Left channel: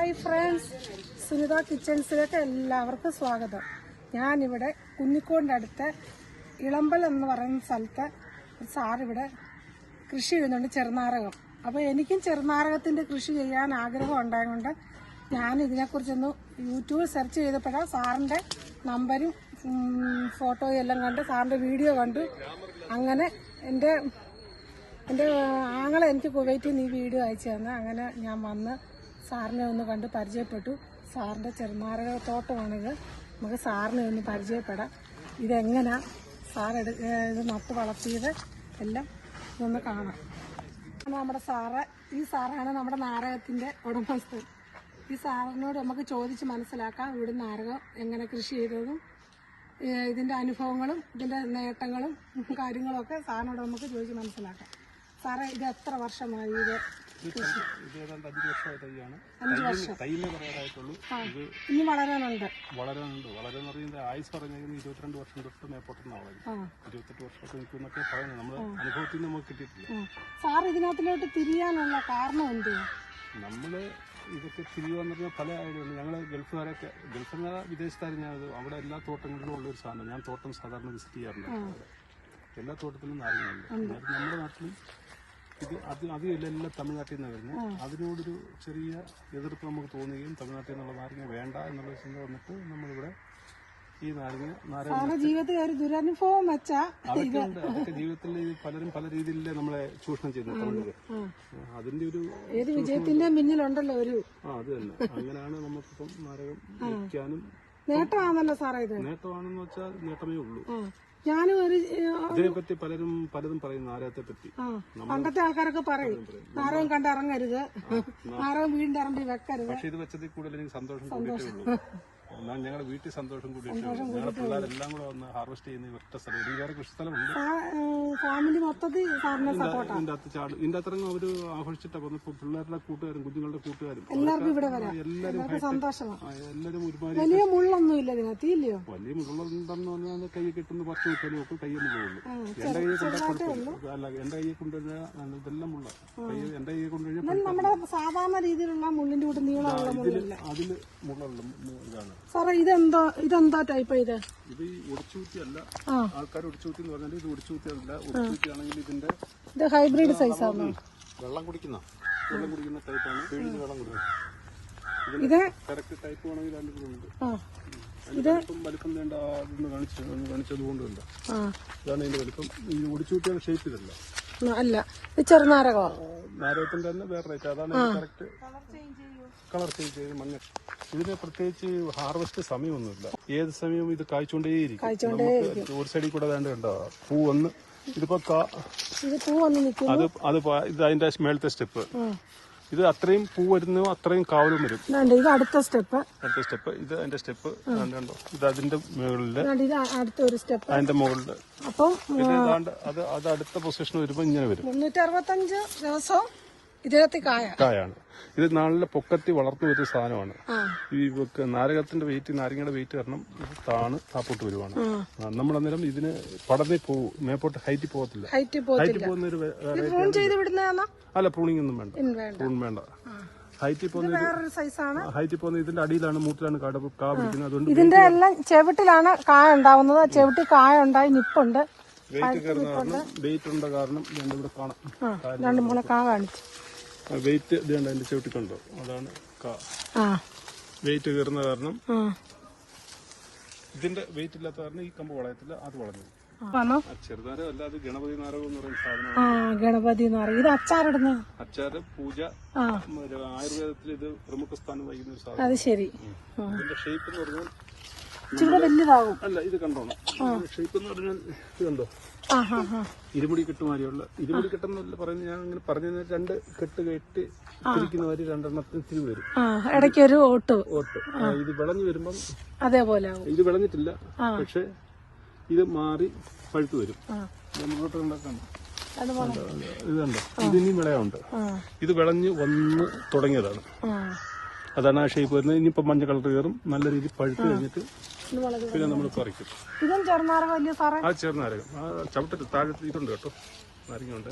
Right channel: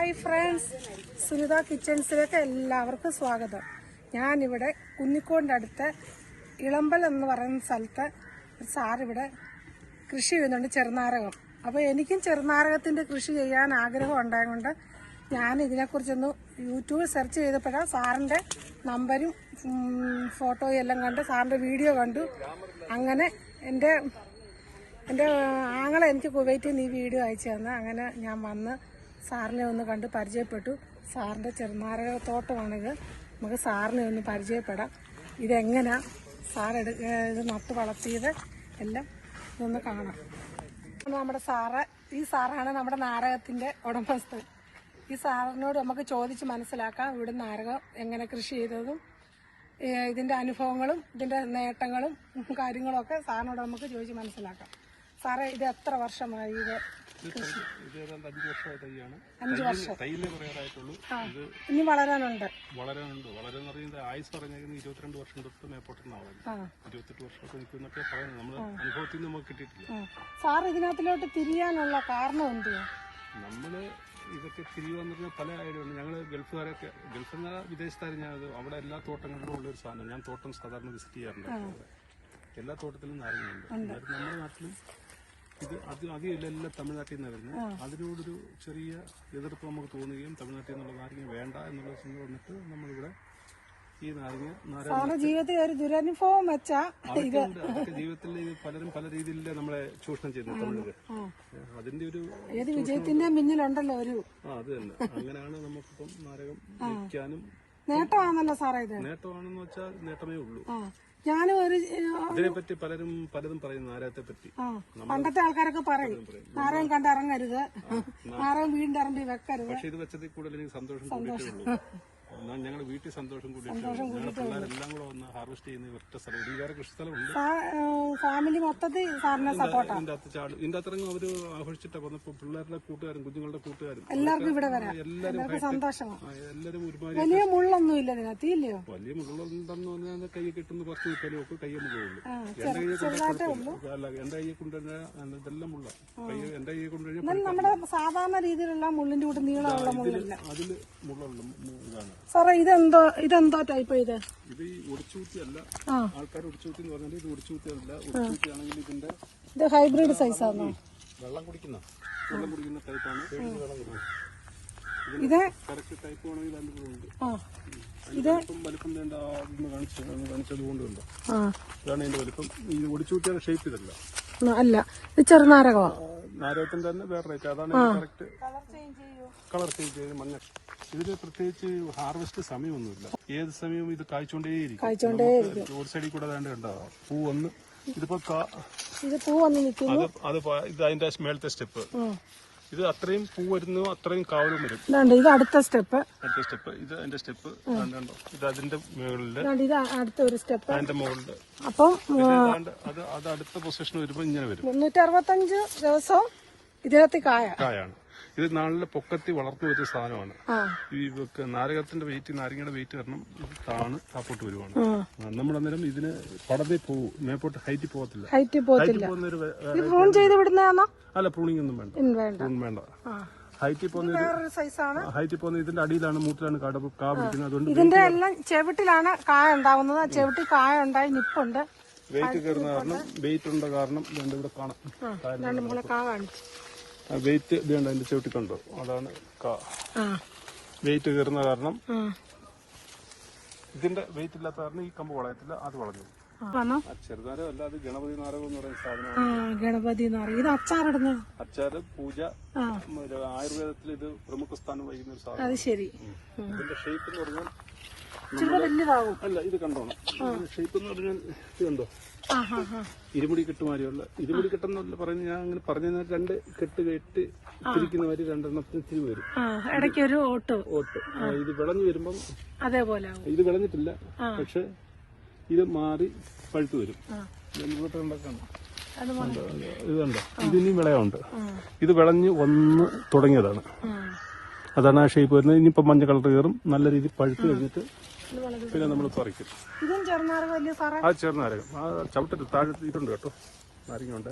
Hi friends. Sunitha കിച്ചൺസിലേക്ക് എല്ലാവർക്കും സ്വാഗതം. ഞാനിവിടെ കുന്നിക്കോടിന്റെ അടുത്ത് ഇളമ്പൽ എന്ന് പറയുന്ന സ്ഥലത്ത് ഒരു സാറിവിടെ കൃഷി ചെയ്യുന്നുണ്ട് ചെറുനാരകം. അപ്പോൾ എനിക്കും ചെറുനാരകത്തിന്റെ കൃഷി ചെയ്യാൻ ആഗ്രഹം ഉണ്ടായതുകൊണ്ട് ഞാൻ ഇതിനെക്കുറിച്ചൊന്ന് യൂട്യൂബിൽ സെർച്ച് ചെയ്തപ്പോഴാണ് സാറിന്റെ നമ്പരും ഫോട്ടോയും എല്ലാം കണ്ട് സാറിന്റെ വീഡിയോ കണ്ടു. അങ്ങനെ എന്റെ എന്റെ ആങ്ങളെ എനിക്ക് കുവൈറ്റിൽ നിന്ന് ഈ വീഡിയോ അയച്ചു തന്നു. അങ്ങനെ ഞാൻ വന്ന് സാറിനെ ഒന്ന് കണ്ട് പരിചയപ്പെട്ടു. സാറിന്റെ ചെറുനാരക തോട്ടമാണിത് നമുക്ക് സാറിനെ ഒന്ന് പരിചയപ്പെടാം. ഇതെങ്ങനെ സാർ എടു ഇത് നട്ട് വളർത്തിയത്? എല്ലാം ഒന്ന് കാണാം. നമ്മുടെ സാറ് ഈ സാറാണ് നമ്മുടെ നാരകത്തിന്റെ ഉടമസ്ഥൻ. ഈ സാറിനോട് നമുക്ക് ചോദിച്ച് മനസ്സിലാക്കാം ഇവിടെ നാരകം എങ്ങനെ കൃഷി ചെയ്തതും ഇതിന്റെ അനുഭവങ്ങളും ഇതിന്റെ നേട്ടങ്ങളും കാര്യങ്ങളൊക്കെ സാറിനോട് നമുക്ക് ചോദിച്ച് മനസ്സിലാക്കാം. സാറേ ഇത് എത്ര വർഷമായി ഇത് ഇത് ഏതാണ്ട് അഞ്ച് വർഷമായ തൈയാണ് അഞ്ച് വർഷം തൈലേ പറയാറായിട്ടുള്ളൂ ആ ഇത് ഇനി വളരാനുണ്ട്. വളരുന്നുണ്ട് വളരെ എന്ന് പറയുന്നത് ആയുസ് പറഞ്ഞിരിക്കുന്നത് ഇരുപത്തിരണ്ട് വർഷം തൊട്ട് മേപ്പോട്ടെന്നാണ് ഇരുപത്തെട്ട് വർഷമൊക്കെ നിൽക്കുന്നൊക്കെ പറയുന്നത്. നമ്മുടെ അനുഭവത്തിൽ നിന്ന് നമുക്ക് കിട്ടിയിട്ടില്ല. സാർ ഇതിനകത്തിലോട്ട് തിരിയാനുള്ള കാരണം എന്തുവാ? നമ്മൾ ഇതൊക്കെ തിരികെ വന്നിരുന്ന പല ഐഡിയുണ്ട് ഞങ്ങൾ ഗൾഫുകാരൊക്കെ ഗൾഫിൽ നിന്ന് ഞാനത് അവിടെ എല്ലാ തോട്ടങ്ങളിലും ഉള്ള ഒരു സാധനം. ഞാൻ തോട്ടം സാധാരണ വിസിറ്റ് ചെയ്യാറുണ്ട്. എല്ലാ തോട്ടത്തിലും നാരങ്ങയുണ്ട്. നമ്മുടെ നാട്ടിൽ ഇത് അത് അധികം എല്ലാം തമിഴ്നാട്ടിൽ നിന്ന് വരുന്നത്. അതിനോടൊരു ചെറിയ എതിർപ്പ് നമുക്ക് തോന്നുകയും തമിഴ്നാട്ടിൽ നിന്നുള്ള നാരങ്ങ വേണ്ട എന്നുള്ള ചിന്ത വന്നിട്ട് നമ്മളിവിടെ ഈ നാരങ്ങ നാരങ്ങ ജീവിതത്തിൽ ഒരു ദുരനുഭവം വെച്ചാ അതൊക്കെ ജീവിതത്തിൽ പലരും പല രീതിയിൽ നമ്മളെ ചൂഷണം ചെയ്യുന്നു തമിഴര് അതിന്റെ ഒരു ഏത് വിജയത്തിന്റെ പിന്നിലുണ്ടല്ലോ ഒരു. ആ അത് തന്നെ. അങ്ങനെയാണ് നമുക്കിപ്പം നാരകം വിൽക്കാനും നേട്ടമാണല്ലോ സാറേ ഇത്. നേട്ടമാണെന്ന് വെച്ചാൽ നേട്ടമേ ഉള്ളൂ. ഞാനും ഒരു ഇതിനെപ്പറ്റി പലരും പലതും പറയും നാരകത്തെ പറ്റി പണ്ടത്തെ ആൾക്കാരൊക്കെ പറയും. നാരകം കണ്ട് ഇറങ്ങരുത്. നാരകം വീടിന്റെ ഇറങ്ങി വെക്കരുത്. പക്ഷെ ഇത് വെച്ചതിൽ കൂടുതൽ എനിക്ക് സന്തോഷം എന്നാൽ ഞങ്ങളുടെ വീട്ടിൽ സന്തോഷം കൂടിയിട്ടുള്ളൂ ഞങ്ങളുടെ പിള്ളേരെല്ലാം കൂടെ വന്ന് ഹാർവെസ്റ്റ് ചെയ്യുന്ന ഈ ഒറ്റ സ്ഥലം. ഇത് കൃഷി സ്ഥലമുണ്ട് ഫാമിലി മൊത്തത്തിൽ സാറിനെ സപ്പോർട്ടാ ഇതിന്റെ അകത്ത് ചാട് ഇതിന്റെ അത്രങ്ങ് അവർ ആഘോഷിച്ചിട്ടൊക്കെ വന്നപ്പോ പിള്ളേരുടെ കൂട്ടുകാരും കുഞ്ഞുങ്ങളുടെ കൂട്ടുകാരും. എല്ലാവർക്കും ഇവിടെ വരാം. എല്ലാവർക്കും സന്തോഷമാണ് എല്ലാവരും വലിയ മുള്ളൊന്നും ഇല്ല ഇതിനകത്ത് ഇല്ലയോ? വലിയ മുള്ളുണ്ടെന്ന് പറഞ്ഞാൽ കൈ കിട്ടുന്ന കിട്ടാനും ഒക്കെ കയ്യിൽ പോകുള്ളൂ എന്റെ അല്ല എന്റെ കൊണ്ടുവരുന്ന ഇതെല്ലാം മുള്ള. കൈ എന്റെ കയ്യെ കൊണ്ടുകഴിഞ്ഞാൽ നമ്മുടെ സാധാരണ രീതിയിലുള്ള മുള്ളിന്റെ കൂടെ നീളമുള്ള മുള്ളില്ല. അതിൽ മുള്ളുള്ള ഇതാണ്. സാറേ ഇതെന്താ ഇതെന്താ ടൈപ്പ് ഇത്? ഇത് ഒടിച്ചൂത്തി അല്ല ആൾക്കാർ ഒടിച്ചൂത്തി എന്ന് പറഞ്ഞാൽ ഇത് ഒടിച്ചൂത്തി അല്ല ഒടിച്ചൂത്തി ആണെങ്കിൽ ഇതിന്റെ ഇത് ഹൈബ്രിഡ് സൈസ് ആണ്? വെള്ളം കുടിക്കുന്ന വെള്ളം കുടിക്കുന്ന ടൈപ്പാണ് വെള്ളം കുടിക്കുന്നത്. ഇത്? കറക്റ്റ് ടൈപ്പ് ഉണ്ട്. ആ. ഇത്? വലിപ്പം വേണ്ട അതൊന്ന് കാണിച്ചു കാണിച്ചത് കൊണ്ടുണ്ട് ഇതാണ് ഇതിന്റെ വലിപ്പം. ഈ ഒടിച്ചൂത്തിയുടെ ഷേപ്പ് ഇതല്ല. അല്ല. ഇത് ചെറുനാരകമാണ്. നാരകത്തിന്റെ തന്നെ വേറെ റേറ്റ്. അതാണ് കറക്റ്റ് കളർ ചേഞ്ച് ചെയ്ത് മഞ്ഞ. ഇതിന് പ്രത്യേകിച്ച് ഹാർവെസ്റ്റ് സമയമൊന്നുമില്ല. ഏത് സമയവും ഇത് കായ്ച്ചുകൊണ്ടേയിരിക്കും. നമുക്ക് ഒരു സൈഡിൽ കൂടെ വേണ്ട പൂ വന്ന് ഇതിപ്പോ അത് അത് പ- ഇത് അതിന്റെ മേളത്തെ സ്റ്റെപ്പ്. ഇത് അത്രയും പൂ വരുന്നു അത്രയും കാവലും വരും. ഇത് അടുത്ത സ്റ്റെപ്പ്. അടുത്ത സ്റ്റെപ്പ് ഇത് അതിന്റെ സ്റ്റെപ്പ് ഇത് അതിന്റെ മുകളിൽ ഇത് അടുത്ത ഒരു സ്റ്റെപ്പ്. അതിന്റെ മുകളിൽ. അപ്പൊ അത് അത് അടുത്ത പൊസിഷൻ വരുമ്പോ ഇങ്ങനെ വരും. മുന്നൂറ്റി അറുപത്തഞ്ച് ദിവസവും ഇതിനകത്ത് കായ. കായാണ്. ഇത് നല്ല പൊക്കത്തി വളർത്തി വരുന്ന സാധനമാണ്. ഈ നാരകത്തിന്റെ വെയിറ്റ് നാരങ്ങയുടെ വെയിറ്റ് കാരണം താണ് താപ്പോട്ട് വരുവാണ്. നമ്മളന്നേരം നമ്മൾ അന്നേരം ഇതിന് പടത്തിൽ പോവും മേപ്പോട്ട് ഹൈറ്റിൽ പോകത്തില്ല. ഹൈറ്റിൽ പോകുന്ന ഒരു അല്ല പ്രൂണിംഗ് ഒന്നും വേണ്ട. പ്രൂൺ വേണ്ട. ഹൈറ്റിൽ പോകുന്ന ഹൈറ്റിൽ പോകുന്ന ഇതിന്റെ അടിയിലാണ് മൂത്തിലാണ് കാട കാ പിടിക്കുന്നത്. അതുകൊണ്ട് ഇതിന്റെ എല്ലാം ചെവിട്ടിലാണ് കായ ഉണ്ടാവുന്നത്. ചെവിട്ടിൽ കായ ഉണ്ടായി നിപ്പുണ്ട്. വെയിറ്റ് കയറുന്ന കാരണം വെയിറ്റ് ഉണ്ട കാരണം ഇവിടെ കാണാം. രണ്ട് മൂന്ന് കാ വെയിറ്റ് ഇതുണ്ട് അതിന്റെ ചവിട്ടി കണ്ടോ? അതാണ് കാ. വെയിറ്റ് കയറുന്ന കാരണം ഇതിന്റെ വെയിറ്റ് ഇല്ലാത്ത കാരണം ഈ കമ്പ് വളയത്തില്ല അത് വളഞ്ഞു. ചെറുതാരം അല്ലാതെ ഗണപതി നാരകം എന്ന് പറയുന്ന സാധനം ഗണപതി പറയും ഇത് അച്ചാറിടുന്നത്? അച്ചാറ് പൂജ ആയുർവേദത്തിൽ ഇത് പ്രമുഖ സ്ഥാനം വഹിക്കുന്ന ഒരു സാധനം അത് ശരി. ഇതിന്റെ ഷേപ്പ് എന്ന് പറഞ്ഞാൽ അല്ല ഇത് കണ്ടോണം ഷേപ്പ് എന്ന് പറഞ്ഞാൽ ഇത് കണ്ടോ? ആ ഹാ ഹാ ഇരുമുടി കെട്ടുമാരിയുള്ള ഇരുമുടി കെട്ടെന്നല്ല പറഞ്ഞ് ഞാൻ അങ്ങനെ പറഞ്ഞു രണ്ട് കെട്ട് കെട്ട് ഇരിക്കുന്നവര് രണ്ടെണ്ണത്തിന് തിരി വരും. ഇടയ്ക്ക് ഒരു ഓട്ട്. ഓട്ട്. ഇത് വിളഞ്ഞു വരുമ്പം അതേപോലെ ഇത് വിളഞ്ഞിട്ടില്ല. പക്ഷെ ഇത് മാറി പഴുത്തു വരും. ഇത് മുന്നോട്ട് ഉണ്ടാക്കാം അത് ഇത് കണ്ടോ? ഇതിനും വിളയുണ്ട്. ഇത് വിളഞ്ഞ് വന്ന് തുടങ്ങിയതാണ്. അതാണ് ആ ഷേപ്പ് വരുന്നത്. ഇനിയിപ്പോൾ മഞ്ഞ കളർ കയറും. നല്ല രീതിയിൽ പഴുത്ത് കഴിഞ്ഞിട്ട് പിന്നെ നമ്മൾ പറിക്കും. ഇതും ചെറുനാരകം ആ ചേർന്നാരകം ആ ചവിട്ടത്ത് താഴത്ത് ഇതുണ്ട് അപ്പോൾ അറിയുന്നുണ്ട്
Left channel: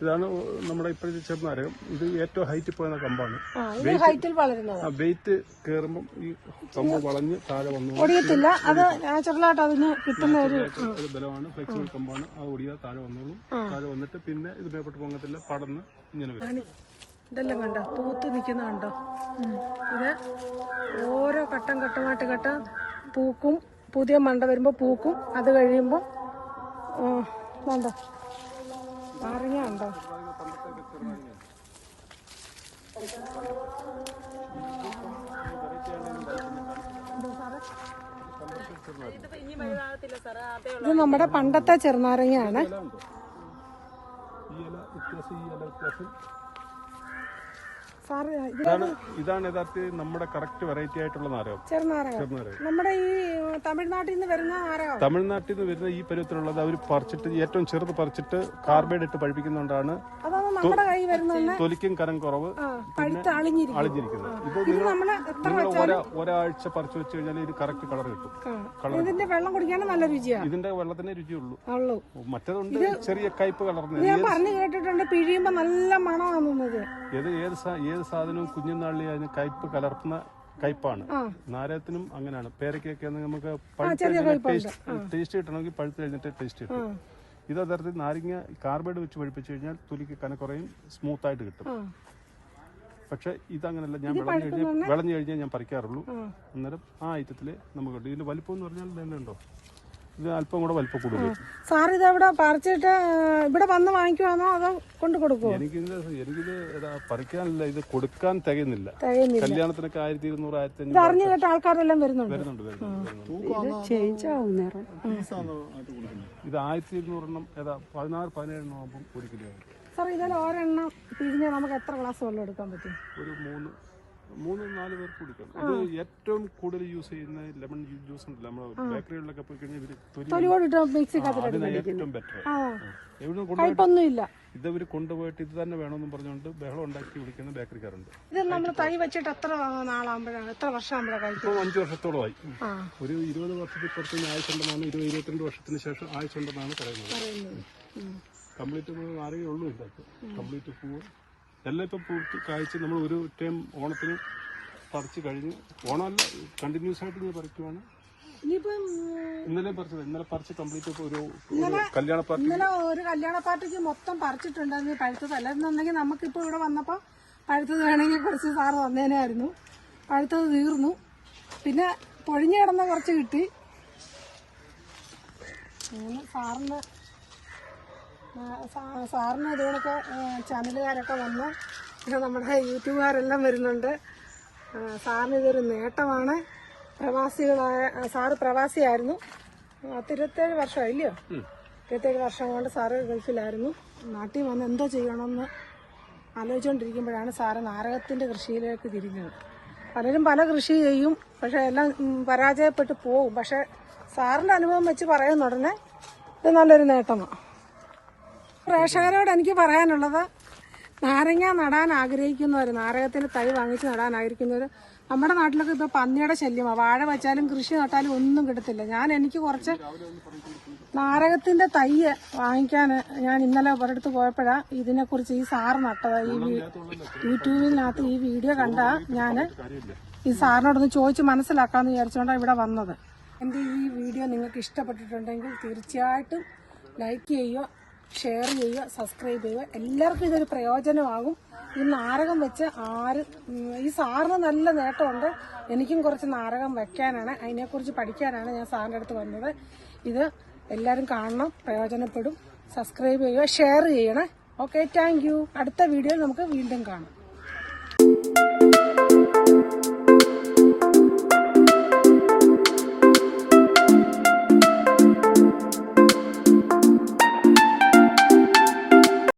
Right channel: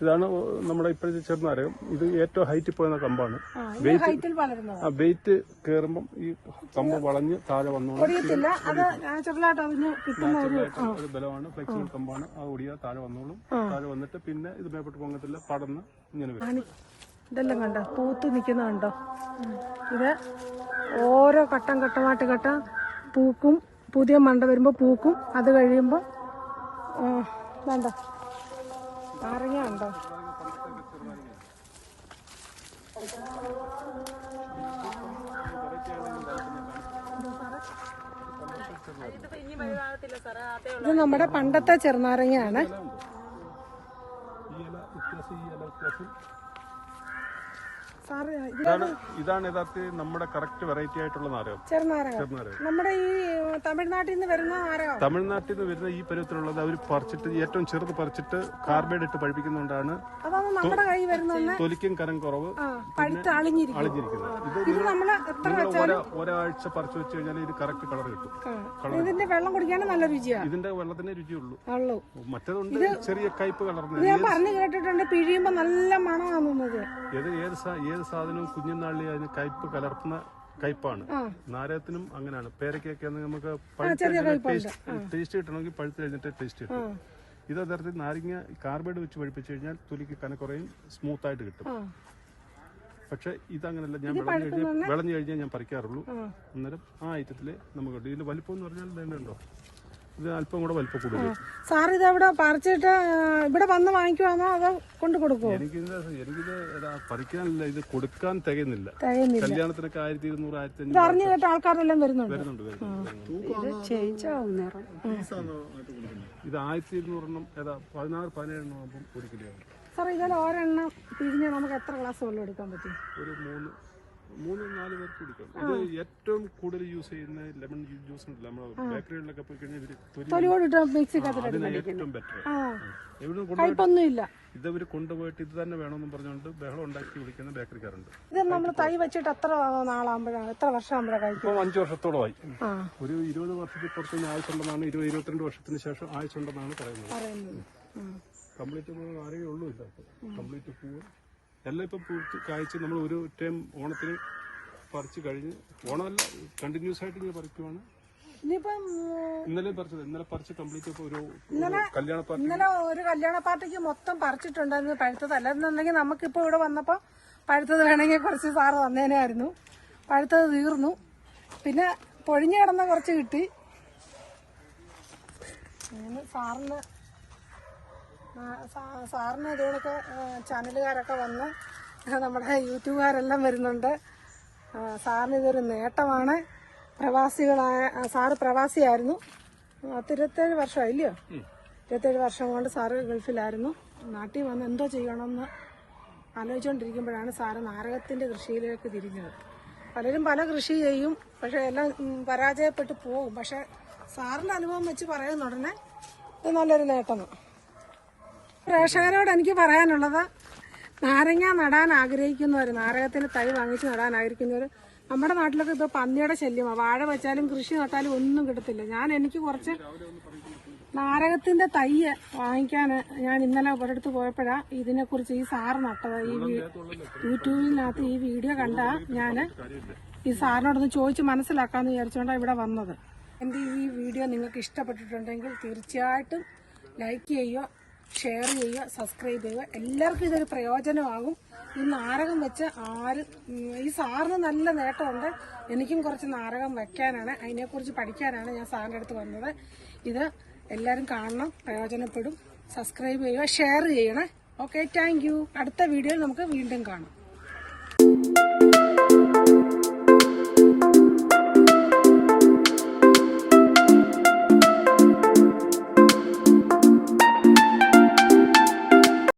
ഇതാണ് നമ്മുടെ ഇപ്പോഴത്തെ ചെറുനാരകം ഇത് ഏറ്റവും ഹൈറ്റ് പോയ കമ്പാണ്. ആ, ആ വെയിറ്റ് കയറുമ്പം ഈ കമ്പ് വളഞ്ഞ് താഴെ വന്നു അത് ആ, ബലമാണ്. ഫ്ലെക്സിബിൾ കമ്പാണ്. ആ ഒടിയാ താഴെ വന്നോളും. താഴെ വന്നിട്ട് പിന്നെ ഇത് മേപ്പെട്ട് പൊങ്ങത്തില്ല. കടന്ന് ഇങ്ങനെ വരും. ഇതെല്ലാം കണ്ടോ? പൂത്ത് നിൽക്കുന്ന കണ്ടോ. ഇത് ഓരോ ഘട്ടം ഘട്ടമായിട്ട് ഘട്ടം പൂക്കും പുതിയ മണ്ട വരുമ്പോൾ പൂക്കും അത് കഴിയുമ്പോൾ വേണ്ട നാരങ്ങ ഉണ്ടോ ഇത് നമ്മുടെ പണ്ടത്തെ ചെറുനാരങ്ങയാണ്. ഇതാണ് യഥാർത്ഥ യഥാർത്ഥത്തിൽ നമ്മുടെ കറക്റ്റ് വെറൈറ്റി ആയിട്ടുള്ള നാരകം ചെറുനാരകം നമ്മുടെ ഈ തമിഴ്നാട്ടിൽ നിന്ന് വരുന്ന നാരകം തമിഴ്നാട്ടിൽ നിന്ന് വരുന്ന ഈ പരുവത്തിലുള്ളത് അവർ പറിച്ചിട്ട് ഏറ്റവും ചെറുത് പറിച്ചിട്ട് കാർബൈഡ് ഇട്ട് പഴിപ്പിക്കുന്നതുകൊണ്ടാണ് തൊലിക്കും കരം കുറവ് അളിഞ്ഞിരിക്കുന്നത്. ഒരാഴ്ച പറിച്ചു വെച്ച് കഴിഞ്ഞാൽ ഇത് കറക്റ്റ് കളർ കിട്ടും. ഇതിന്റെ വെള്ളം കുടിക്കാൻ നല്ല രുചിയാണ് ഇതിന്റെ വെള്ളത്തിന്റെ രുചിയുള്ളൂ. മറ്റേതുണ്ട് ചെറിയ കയ്പ് കളർന്ന് ഞാൻ പറഞ്ഞു കേട്ടിട്ടുണ്ട് പിഴിയുമ്പോ നല്ല മണമാണ് ഏത് ഏത് ഏത് സാധനവും കുഞ്ഞുനാളിൽ അതിന് കയ്പ് കലർത്തുന്ന കയ്പാണ് നാരത്തിനും നാരകത്തിനും അങ്ങനെയാണ്. പേരക്കൊക്കെ നമുക്ക് ടേസ്റ്റ് കിട്ടണമെങ്കിൽ പഴുത്ത് കഴിഞ്ഞിട്ട് ടേസ്റ്റ് കിട്ടും ഇത് യഥാർത്ഥത്തിൽ നാരങ്ങ കാർബൈഡ് വെച്ച് പഴിപ്പിച്ചു കഴിഞ്ഞാൽ തൊലിക്ക് കനക്കുറയും സ്മൂത്ത് ആയിട്ട് കിട്ടും. പക്ഷെ ഇതങ്ങനല്ല. ഞാൻ വിളഞ്ഞു കഴിഞ്ഞാൽ വിളഞ്ഞു കഴിഞ്ഞാൽ ഞാൻ പറിക്കാറുള്ളൂ. അന്നേരം ആ ഐറ്റത്തിൽ നമുക്ക് ഇതിൽ വലിപ്പം എന്ന് പറഞ്ഞാൽ തന്നെ ഉണ്ടോ? ഇത് അല്പം കൂടെ വലിപ്പം കൂടുതൽ. സാർ ഇത് എവിടെ പറിച്ചിട്ട് ഇവിടെ വന്ന് വാങ്ങിക്കുവാണോ അതോ കൊണ്ട് കൊടുക്കുവോ? എനിക്കിത് എനിക്കിത് പറിക്കാനില്ല ഇത് കൊടുക്കാൻ തികയുന്നില്ല. കല്യാണത്തിനൊക്കെ ആയിരത്തി ഇരുന്നൂറ് ആയിരത്തി ഇത് അറിഞ്ഞു കേട്ട ആൾക്കാരെല്ലാം വരുന്നുണ്ട്. ഇത് ആയിരത്തി ഇരുന്നൂറെണ്ണം ഏതാ പതിനാറ് പതിനേഴെണ്ണം ആകുമ്പോൾ ഒരു കിലോ. സാർ ഇതിൽ ഒരെണ്ണം പിഴിഞ്ഞാൽ നമുക്ക് എത്ര ഗ്ലാസ് വെള്ളം എടുക്കാൻ പറ്റും? ഒരു മൂന്ന് മൂന്ന് നാല് പേർക്ക് കുടിക്കാം. ഇത് ഏറ്റവും കൂടുതൽ യൂസ് ചെയ്യുന്ന ലെമൺ ജ്യൂസ് ഉണ്ടല്ലോ നമ്മൾ ബേക്കറികളിലൊക്കെ പോയി കഴിഞ്ഞാൽ ഇവർ ഏറ്റവും ബെറ്റർ എവിടെ ഇല്ല ഇതവർ കൊണ്ടുപോയിട്ട് ഇത് തന്നെ വേണമെന്നും പറഞ്ഞുകൊണ്ട് ബഹളം ഉണ്ടാക്കി വിളിക്കുന്ന ബേക്കറിക്കാരുണ്ട് ഇത് നമ്മൾ തൈ വെച്ചിട്ട് എത്ര നാളാകുമ്പോഴാണ്? എത്ര വർഷമാകുമ്പോഴാണ് അഞ്ച് വർഷത്തോളമായി. ഒരു ഇരുപത് വർഷത്തിൽ പുറത്ത് ആയുസുണ്ടെന്നാണ് ഇരുപത് ഇരുപത്തിരണ്ട് വർഷത്തിന് ശേഷം ആയുസുണ്ടെന്നാണ് പറയുന്നത്. പറയുന്നത്. കംപ്ലീറ്റ് ആരെയും ഉള്ളൂ കംപ്ലീറ്റ് പൂവ്. എല്ലാം ഇപ്പം പൂത്ത് കായ്ച്ച് നമ്മൾ ഒരു ടൈം ഓണത്തിന് പറിച്ച് കഴിഞ്ഞ് ഓണമല്ല കണ്ടിന്യൂസ് ആയിട്ട് ഇങ്ങനെ പറിക്കുവാണ്. ഇനിയിപ്പം ഇന്നലെ പറിച്ചത് ഇന്നലെ പറിച്ച് കംപ്ലീറ്റ് ഒരു കല്യാണ പാർട്ടി ഇന്നലെ ഒരു കല്യാണ പാർട്ടിക്ക് മൊത്തം പറിച്ചിട്ടുണ്ടായിരുന്നു പഴുത്തത്. അല്ലെന്നുണ്ടെങ്കിൽ നമുക്കിപ്പോൾ ഇവിടെ വന്നപ്പോൾ പഴുത്തത് വേണമെങ്കിൽ കുറച്ച് സാറ് വന്നേനായിരുന്നു പഴുത്തത് തീർന്നു. പിന്നെ പൊഴിഞ്ഞു കിടന്ന കുറച്ച് കിട്ടി. അങ്ങനെ സാറിന് ആ, സാ- സാറിന് ഇതുകൊണ്ടൊക്കെ ചാനലുകാരൊക്കെ വന്ന് നമ്മുടെ യൂട്യൂബുകാരെല്ലാം വരുന്നുണ്ട്. സാറിന് ഇതൊരു നേട്ടമാണ്. പ്രവാസികളായ സാറ് പ്രവാസിയായിരുന്നു. പത്തിരുപത്തേഴ് വർഷം ഇല്ലയോ ഇരുപത്തേഴ് വർഷം കൊണ്ട് സാറ് ഗൾഫിലായിരുന്നു. നാട്ടിൽ വന്ന് എന്തോ ചെയ്യണമെന്ന് ആലോചിച്ചുകൊണ്ടിരിക്കുമ്പോഴാണ് സാറ് നാരകത്തിന്റെ കൃഷിയിലേക്ക് തിരിഞ്ഞത്. പലരും പല കൃഷി ചെയ്യും പക്ഷേ എല്ലാം പരാജയപ്പെട്ട് പോകും പക്ഷെ സാറിന്റെ അനുഭവം വെച്ച് പറയുന്ന ഉടനെ ഇത് നല്ലൊരു നേട്ടമാണ്. പ്രേക്ഷകരോട് എനിക്ക് പറയാനുള്ളത് നാരങ്ങ നടാൻ ആഗ്രഹിക്കുന്നവർ നാരകത്തിന് തൈ വാങ്ങിച്ച് നടാൻ ആഗ്രഹിക്കുന്നവർ നമ്മുടെ നാട്ടിലൊക്കെ ഇപ്പോൾ പന്നിയുടെ ശല്യമാണ് വാഴ വെച്ചാലും കൃഷി നട്ടാലും ഒന്നും കിട്ടത്തില്ല. ഞാൻ എനിക്ക് കുറച്ച് നാരകത്തിന്റെ തൈ വാങ്ങിക്കാൻ ഞാൻ ഇന്നലെ ഒരിടത്ത് പോയപ്പോഴാണ് ഇതിനെക്കുറിച്ച് ഈ സാറ് നട്ടത്. ഈ യൂട്യൂബിനകത്ത് ഈ വീഡിയോ കണ്ട ഞാൻ ഈ സാറിനോടൊന്ന് ചോദിച്ച് മനസ്സിലാക്കാമെന്ന് വിചാരിച്ചുകൊണ്ടാണ് ഇവിടെ വന്നത്. എന്റെ ഈ വീഡിയോ നിങ്ങൾക്ക് ഇഷ്ടപ്പെട്ടിട്ടുണ്ടെങ്കിൽ തീർച്ചയായിട്ടും ലൈക്ക് ചെയ്യുക ഷെയർ ചെയ്യുക സബ്സ്ക്രൈബ് ചെയ്യുക. എല്ലാവർക്കും ഇതൊരു പ്രയോജനമാകും. ഈ നാരകം വെച്ച് ആര് ഈ സാറിന് നല്ല നേട്ടമുണ്ട്. എനിക്കും കുറച്ച് നാരകം വെക്കാനാണ്. അതിനെക്കുറിച്ച് പഠിക്കാനാണ് ഞാൻ സാറിന്റെ അടുത്ത് വന്നത്. ഇത് എല്ലാവരും കാണണം പ്രയോജനപ്പെടും. സബ്സ്ക്രൈബ് ചെയ്യുക ഷെയർ ചെയ്യണേ. ഓക്കെ താങ്ക് അടുത്ത വീഡിയോയിൽ നമുക്ക് വീണ്ടും കാണാം.